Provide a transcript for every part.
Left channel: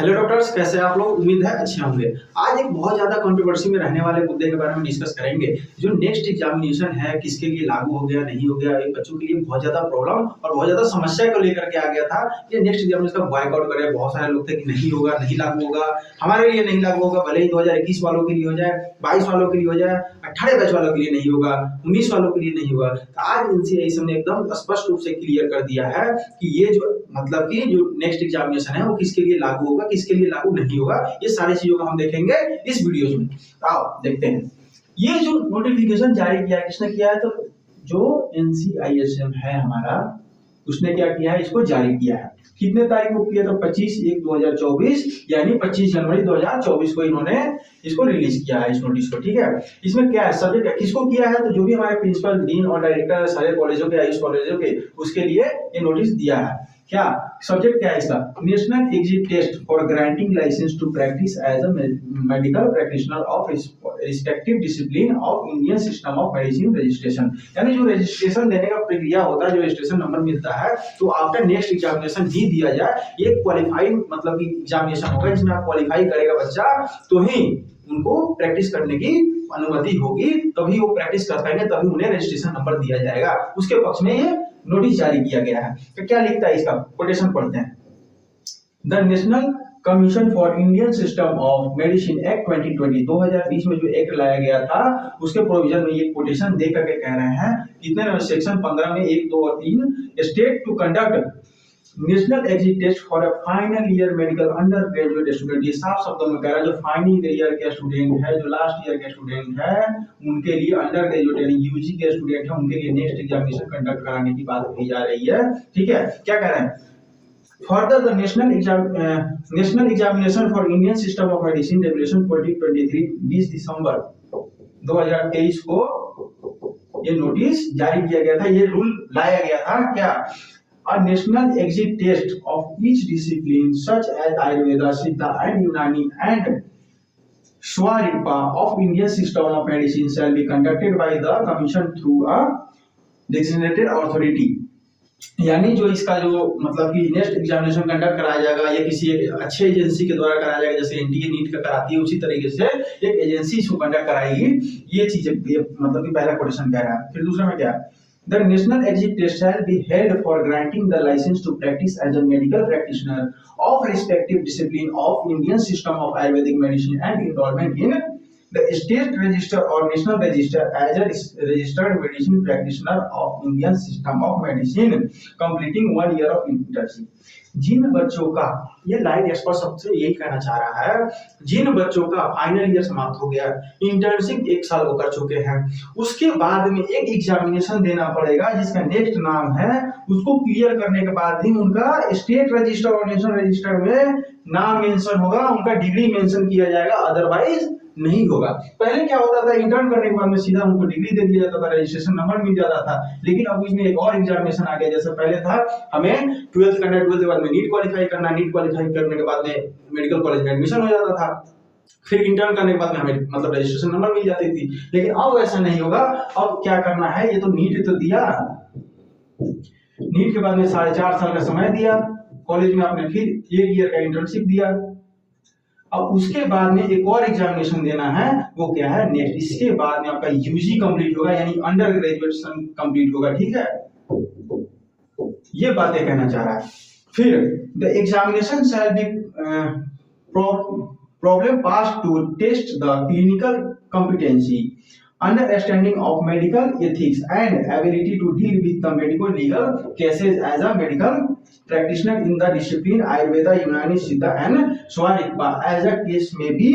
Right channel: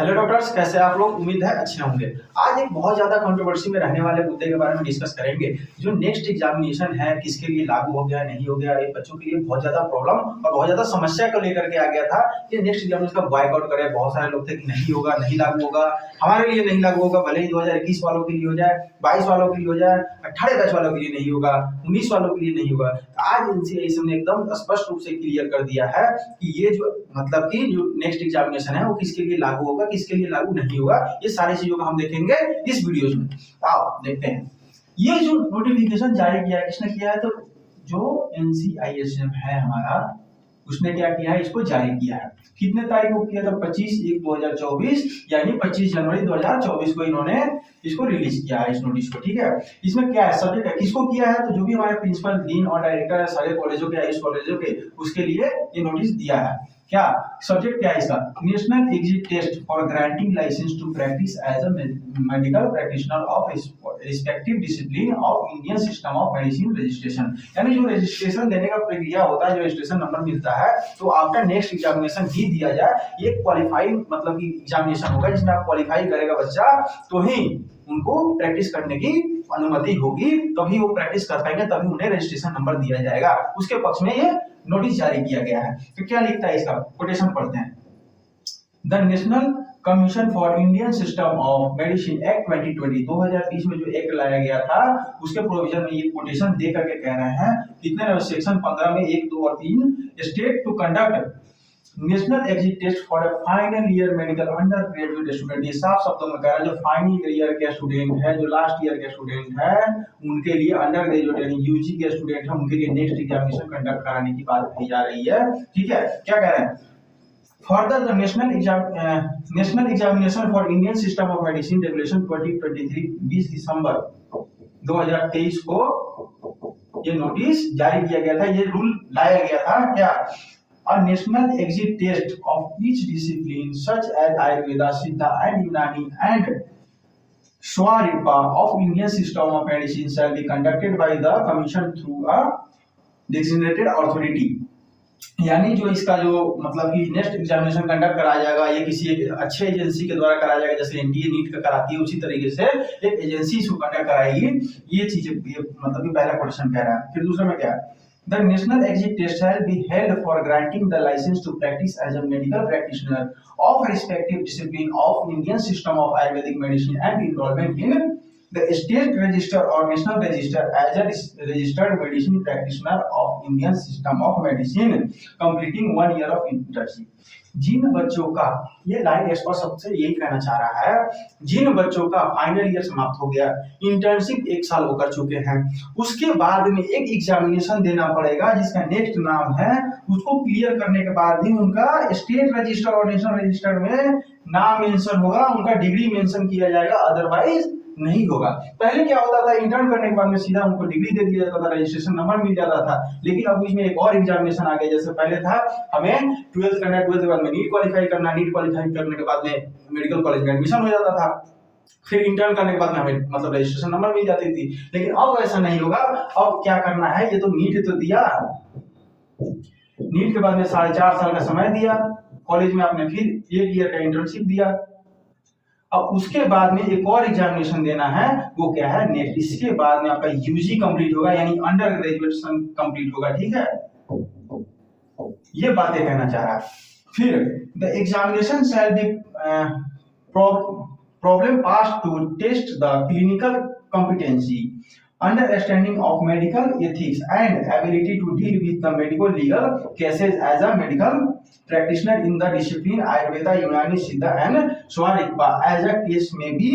Hello doctors, कैसे आप लोग? उम्मीद है अच्छे होंगे। आज एक बहुत ज़्यादा कंट्रोवर्सी में रहने वाले मुद्दे के बारे में डिस्कस करेंगे। जो नेक्स्ट एग्जामिनेशन है, किसके लिए लागू हो गया, नहीं हो गया, ये बच्चों के लिए बहुत ज़्यादा प्रॉब्लम और बहुत ज़्यादा समस्या को लेकर के आ गया था। ये नेक्स्ट एग्जामिनेशन का बॉयकॉट करें। बहुत सारे लोग थे कि नहीं होगा, नहीं लागू होगा, हमारे लिए नहीं लागू होगा, भले ही 2021 वालों के लिए हो जाए, 22 वालों के लिए हो जाए, 18 बैच वालों के लिए नहीं होगा, 19 वालों के लिए नहीं होगा। तो आज एनसीआईएसएम ने एकदम स्पष्ट रूप से क्लियर कर दिया है कि ये जो मतलब कि जो नेक्स्ट एग्जामिनेशन है वो किसके लिए लागू होगा, किसके लिए लागू नहीं होगा, ये सारी चीजों को हम देखेंगे इस वीडियो में। आओ देखते हैं। ये जो नोटिफिकेशन जारी किया है, किसने किया है? तो जो एनसीआईएसएम है हमारा, उसने क्या किया है? इसको जारी किया है। कितने तारीख को किया था? 25/1/2024 यानी 25 जनवरी 2024 को इन्होंने इसको रिलीज किया है, इस नोटिस को। ठीक है, इसमें क्या है? सब्जेक्ट है, किसको किया है? तो जो भी हमारे प्रिंसिपल, डीन और डायरेक्टर है सारे कॉलेजों के, आयुष कॉलेजों के, उसके लिए ये नोटिस दिया है। क्या सब्जेक्ट क्या है इसका? National exit test for granting licence to practise as a medical practitioner of respective discipline of Indian system of medicine registration. यानी जो रजिस्ट्रेशन देने का प्रक्रिया होता है, जो रजिस्ट्रेशन नंबर मिलता है, तो आफ्टर नेक्स्ट एग्जामिनेशन भी दिया जाए। ये क्वालिफाइंग मतलब कि एग्जामिनेशन होगा जिसमें आप क्वालिफाई करेगा बच्चा, तो ही उनको प्रैक्टिस करने की अनुमति होगी, तभी वो प्रैक्टिस कर पाएंगे, तभी उन्हें रजिस्ट्रेशन नंबर दिया जाएगा। उसके पक्ष में ये नोटिस जारी किया गया है। तो क्या लिखता है इसका? कोटेशन पढ़ते हैं। The national commission for Indian system of medicine act 2020 2020 में जो एक्ट लाया गया था, उसके प्रोविजन में ये कोटेशन दे करके कह रहे हैं, कितने नंबर? सेक्शन 15 में 1, 2 और 3, state to conduct national exit test for a final year medical undergraduate student. ये साफ शब्दों में कह रहा है, जो फाइनल ईयर के स्टूडेंट है, जो लास्ट ईयर के स्टूडेंट है, उनके लिए अंडर ग्रेजुएट यानी यूजी के स्टूडेंट है, उनके लिए नेक्स्ट एग्जामिनेशन कंडक्ट कराने की बात कही जा रही है। ठीक है, क्या कह रहे हैं? Further, the national examination for Indian system of medicine regulation 2023 20 दिसंबर 2023 को ये नोटिस जारी किया गया था, ये रूल लाया गया था। क्या? A national exit test of each discipline such as Ayurveda, Siddha and Unani and Swarippa of Indian system of medicine shall be conducted by the commission through a designated authority। यानी जो इसका जो मतलब कि नेक्स्ट एग्जामिनेशन कंडक्ट कराया जाएगा, या किसी एक अच्छे एजेंसी के द्वारा कराया जाएगा, जैसे एनटीए नीट का कराती है, उसी तरीके से एक एजेंसी इसको कंडक्ट कराएगी। ये चीज मतलब कि पहला क्वेश्चन कह रहा है। फिर दूसरा में क्या है? The national exit test shall be held for granting the license to practice as a medical practitioner of respective discipline of Indian system of Ayurvedic medicine and enrollment in the state register or national register as a registered medicine practitioner of Indian system of medicine completing 1 year of internship। जिन बच्चों का, ये line expert सबसे यही कहना चाह रहा है, जिन बच्चों का फाइनल ईयर समाप्त हो गया, इंटर्नशिप 1 साल वो कर चुके हैं, उसके बाद में एक एग्जामिनेशन देना पड़ेगा जिसका नेक्स्ट नाम है, उसको क्लियर करने के बाद ही उनका स्टेट रजिस्टर और नेशनल रजिस्टर में नाम मेंशन होगा, उनका डिग्री मेंशन किया जाएगा, अदरवाइज नहीं होगा। पहले क्या होता था? इंटर्न करने के बाद में सीधा उनको डिग्री दे दिया जाता था, रजिस्ट्रेशन नंबर मिल जाता था। लेकिन अब इसमें एक और एग्जामिनेशन आ गया। जैसे पहले था हमें 12th करना, 12th के बाद में नीट क्वालिफाई करना, नीट क्वालिफाई करने के बाद में मेडिकल कॉलेज में एडमिशन हो जाता था, फिर इंटर्न करने के बाद में हमें मतलब रजिस्ट्रेशन नंबर मिल जाती थी। लेकिन अब ऐसा नहीं होगा। अब क्या करना है? ये तो नीट तो दिया, नीट के बाद में 4.5 साल का समय दिया, कॉलेज में आपने फिर 1 ईयर का इंटर्नशिप दिया, अब उसके बाद में एक और एग्जामिनेशन देना है, वो क्या है? नेक्स्ट। इसके बाद में आपका यूजी कंप्लीट होगा, यानी अंडर ग्रेजुएशन कंप्लीट होगा। ठीक है, ये बातें कहना चाह रहा है। फिर the examination shall be problem pass to test the clinical competency, understanding of medical ethics and ability to deal with the medical legal cases as a medical practitioner in the discipline Ayurveda, Unani, Siddha and Swarippa as a case may be।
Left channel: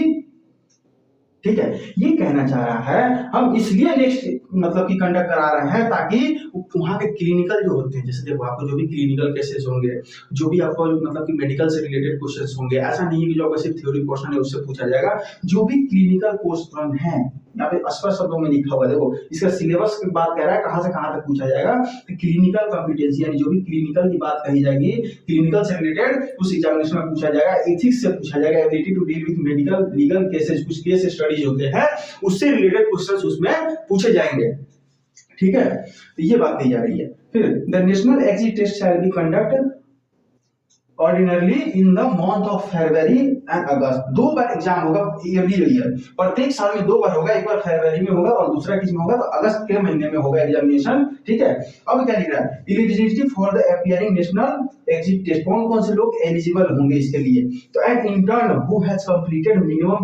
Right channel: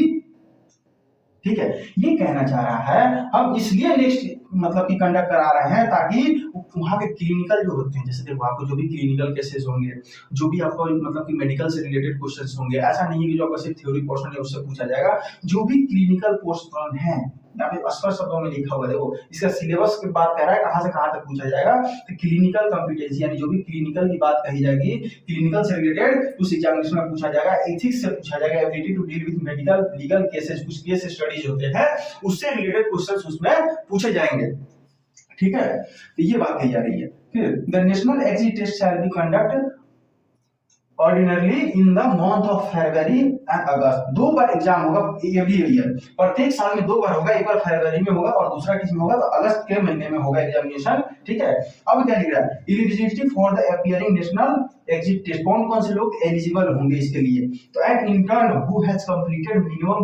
ठीक है, ये कहना चाह रहा है हम इसलिए next मतलब कि कंडक्ट करा रहे हैं ताकि वहाँ के क्लिनिकल जो होते हैं, जैसे देखो आपको जो भी क्लिनिकल केसेस होंगे, जो भी आपको मतलब कि मेडिकल से रिलेटेड क्वेश्चंस होंगे, ऐसा नहीं है कि जो आपका सिर्फ थ्योरी पोर्शन है उससे पूछा जाएगा। जो भी क्लिनिकल पोर्शन है, यहाँ पे स्पष्ट शब्दों में लिखा हुआ है, देखो इसका सिलेबस की बात कर रहा है, कहाँ से कहाँ तक पूछा जाएगा। तो क्लिनिकल कॉम्पिटेंसी यानी जो भी क्लिनिकल की बात कही जाएगी, क्लिनिकल से रिलेटेड उस एग्जामिनेशन में पूछा जाएगा। एथिक्स से पूछा जाएगा, ability to deal with medical legal cases, कुछ केस स्टडीज होते हैं उससे रिलेटेड क्वेश्चंस उसमें पूछे जाएंगे। ठीक है, तो ये बात कही जा रही है। फिर the national exit test shall be conduct ordinarily in the month of February and August. 2 बार एग्जाम होगा एवरी ईयर, प्रत्येक साल में 2 बार होगा, एक बार फरवरी में होगा और दूसरा किस में होगा, तो अगस्त के महीने में होगा एग्जामिनेशन। ठीक है, अब क्या लिख रहा है, eligibility for the appearing national exit test, कौन कौन से लोग एलिजिबल होंगे इसके लिए, तो an intern who has completed minimum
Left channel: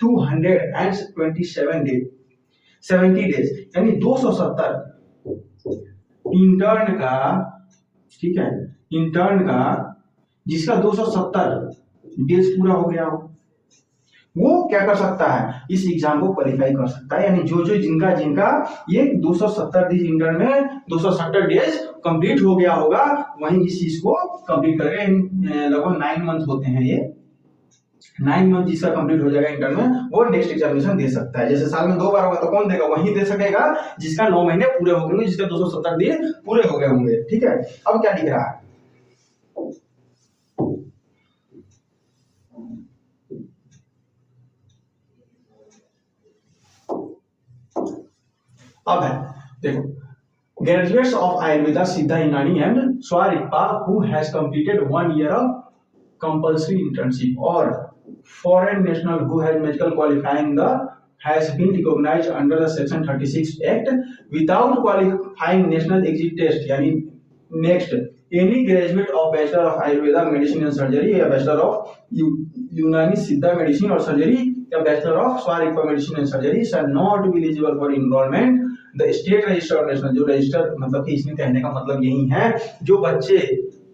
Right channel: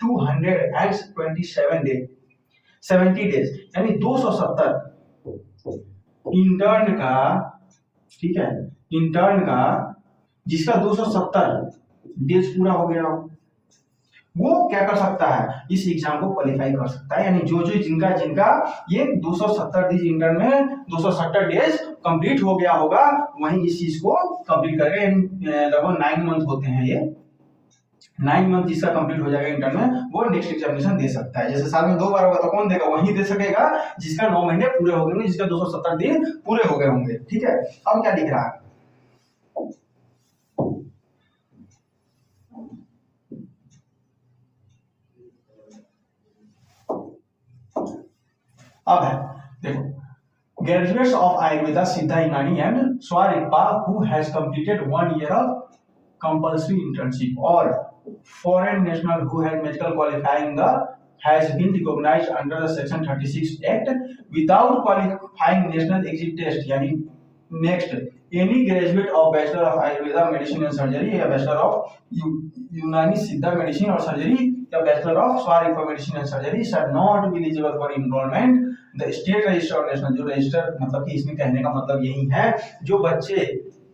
227 day 70 days, यानी 270 इंटर्न का, ठीक है, इंटर्न का जिसका 270 डेज पूरा हो गया हो, वो क्या कर सकता है, इस एग्जाम को क्वालिफाई कर सकता है। यानी जो जिनका ये 270 डेज इंटर्न में 270 डेज कंप्लीट हो गया होगा, वहीं इस चीज को कंप्लीट करेगा। लगभग 9 मंथ होते हैं ये, 9 मंथ जिसका कंप्लीट हो जाएगा इंटर्न में, वो नेक्स्ट एग्जामिनेशन दे सकता है। जैसे साल में 2 बार होगा तो कौन देगा, वही दे सकेगा जिसका 9 महीने पूरे हो गए होंगे, जिसका 270 दिन पूरे हो गए होंगे। ठीक है, अब क्या लिख रहा है, अब है देखो, graduates of Ayurveda Siddha Unani and Sowa Rigpa who has completed 1 year of compulsory internship, और foreign national who has medical qualifying the has been recognized under the section 36 act without qualifying national exit test, यानी next any graduate of bachelor of ayurveda medicine and surgery या bachelor of यूनानी सिद्धा medicine और surgery या bachelor of Sowa Rigpa medicine and surgery shall not be eligible for enrolment the state register और national, जो register मतलब कि इसमें कहने का मतलब यही है, जो बच्चे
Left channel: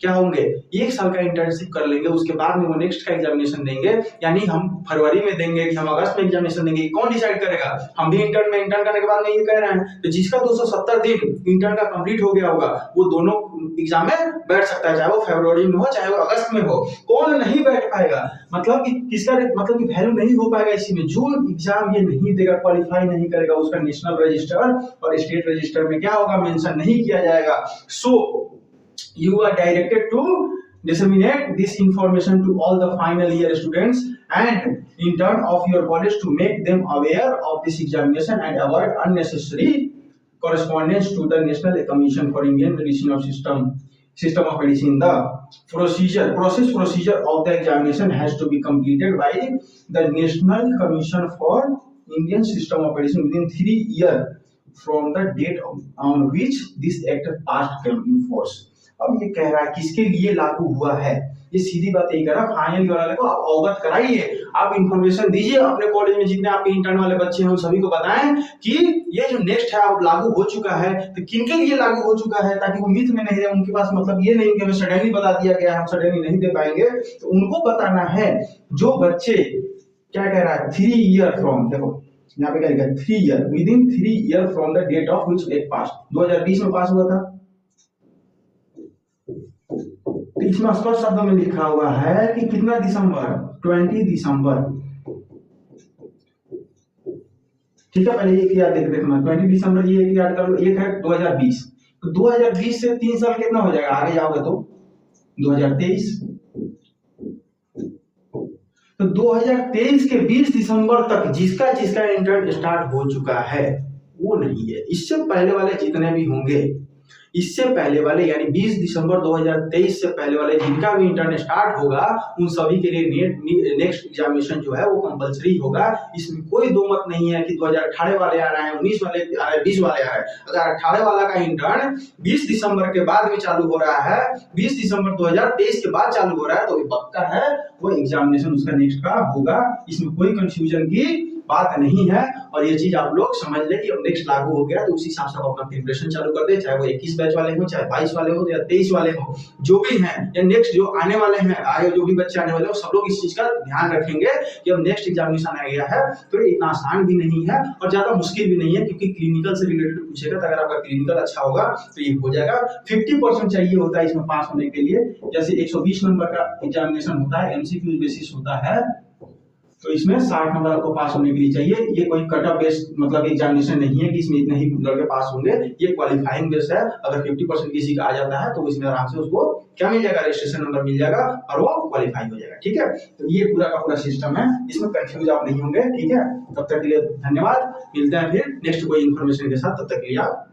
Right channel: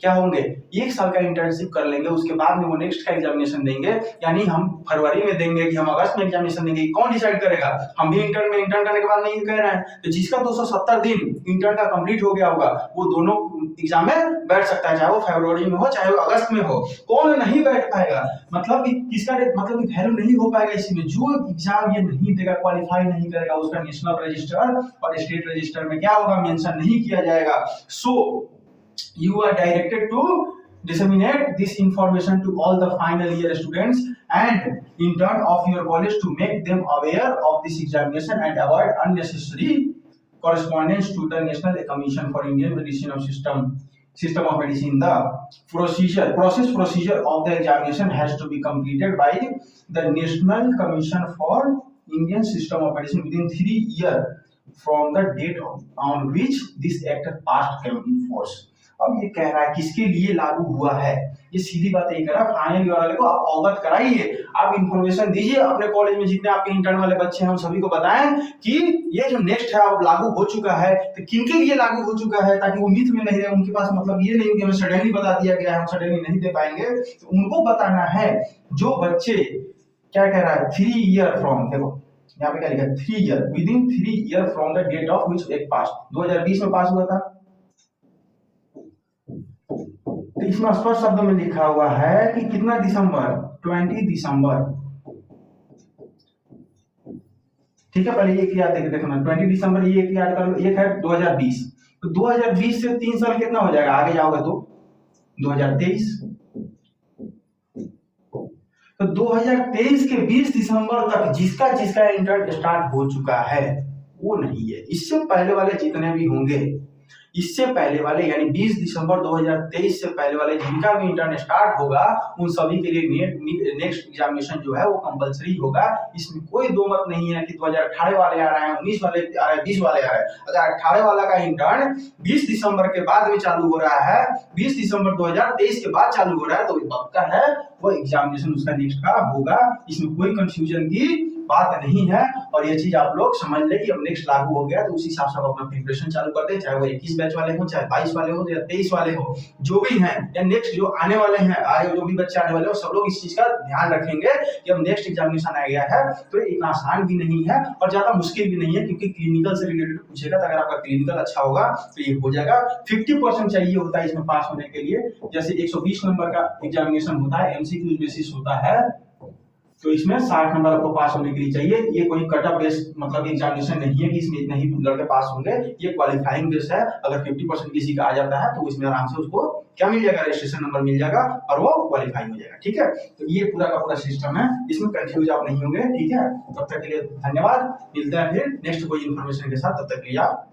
क्या होंगे 1 साल का इंटर्नशिप कर लेंगे, उसके बाद में वो नेक्स्ट का एग्जामिनेशन देंगे, यानी हम फरवरी में देंगे कि हम अगस्त में एग्जामिनेशन देंगे, कौन डिसाइड करेगा, हम भी इंटर्न करने के बाद नहीं कह रहे हैं, तो जिसका 270 दिन इंटर्न का कंप्लीट हो गया होगा वो दोनों एग्जाम में बैठ सकता है, चाहे वो फरवरी में हो चाहे वो अगस्त में हो। कौन नहीं बैठ पाएगा, मतलब कि किसका मतलब कि वैल्यू नहीं हो पाएगा इसी में, जो एग्जाम ये नहीं देगा, क्वालिफाई नहीं करेगा, उसका नेशनल रजिस्टर और स्टेट रजिस्टर में क्या होगा, मेंशन नहीं किया जाएगा। सो you are directed to disseminate this information to all the final year students and intern of your college to make them aware of this examination and avoid unnecessary correspondence to the National Commission for Indian Medicine of System of Medicine. The procedure of the examination has to be completed by the National Commission for Indian System of Medicine within 3 years from the date on which this act passed came in force. अब ये कह रहा है किसके लिए लागू हुआ है, ये सीधी बात यही कह रहा है, फाइनल ईयर वाले को आप अवगत कराइए, आप इंफॉर्मेशन दीजिए, अपने कॉलेज में जितने आपके इंटर्न वाले बच्चे हैं उन सभी को बताएं कि ये जो नेक्स्ट है अब लागू हो चुका है, तो किनके लिए लागू हो चुका है, ताकि वो मिथ में नहीं रहे, उनके पास मतलब ये नहीं कि हमें सडनली बता दिया गया है, हम सडनली नहीं दे पाएंगे, तो उनको बताना है। जो बच्चे क्या कह रहा है, 3 ईयर फ्रॉम, देखो यहाँ पे क्या लिखा है, 3 year within 3 year from the date of which एक पास, 2020 में पास हुआ था, तो इसमें स्पष्ट शब्दों में लिखा हुआ है कि कितना दिसंबर, 20 दिसंबर, ठीक है, पहले एक याद देखना, 20 दिसंबर ये एक याद कर लो, एक है 2020, तो 2020 से 3 साल कितना हो जाएगा, आगे जाओगे तो 2023, तो 2023 के 20 दिसंबर तक जिसका इंटर्न स्टार्ट हो चुका है वो नहीं है, इससे पहले वाले जितने भी होंगे, इससे पहले वाले यानी 20 दिसंबर 2023 से पहले वाले जिनका भी इंटर्न स्टार्ट होगा, उन सभी के लिए नेक्स्ट एग्जामिनेशन जो है वो कंपलसरी होगा। इसमें कोई दो मत नहीं है कि 2018 वाले आ रहे हैं, 19 वाले आ रहे हैं, 20 वाले आ रहे हैं। अगर 18 वाला का इंटर्न 20 दिसंबर के बाद में चालू हो रहा है, 20 दिसंबर 2023 के बाद चालू हो रहा है, तो पक्का है वो एग्जामिनेशन उसका नेक्स्ट का होगा। इसमें कोई कंफ्यूजन की बात नहीं है, और ये चीज आप लोग समझ ले कि अब नेक्स्ट लागू हो गया तो उसी हिसाब से आप अपना प्रिपरेशन चालू कर दे, चाहे वो 21 बैच वाले हो, चाहे 22 वाले हो या 23 वाले हो, जो भी हैं, या नेक्स्ट जो आने वाले हैं, आगे जो भी बच्चे आने वाले हो, सब लोग इस चीज का ध्यान रखेंगे कि अब नेक्स्ट एग्जामिनेशन आ गया है तो ये इतना आसान भी नहीं है और ज्यादा मुश्किल भी नहीं है, क्योंकि क्लिनिकल से रिलेटेड पूछेगा, तो अगर आपका क्लिनिकल अच्छा होगा तो ये हो जाएगा। 50% चाहिए होता है इसमें पास होने के लिए, जैसे 120 नंबर का एग्जामिनेशन होता है, एमसीक्यू बेसिस होता है, तो इसमें 60 नंबर आपको पास होने के लिए चाहिए। ये कोई कट ऑफ बेस्ड मतलब एग्जामिनेशन नहीं है कि इसमें इतने ही लड़के पास होंगे, ये क्वालिफाइंग बेस है। अगर 50% किसी का आ जाता है तो इसमें आराम से उसको क्या मिल जाएगा, रजिस्ट्रेशन नंबर मिल जाएगा और वो क्वालिफाई हो जाएगा। ठीक है, तो ये पूरा का पूरा सिस्टम है, इसमें कंफ्यूज आप नहीं होंगे। ठीक है, तब तक के लिए धन्यवाद, मिलते हैं फिर नेक्स्ट कोई इन्फॉर्मेशन के साथ, तब तक के लिए आप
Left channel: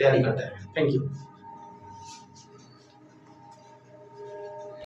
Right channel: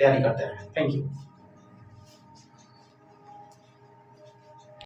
तैयारी करते हैं। Thank you.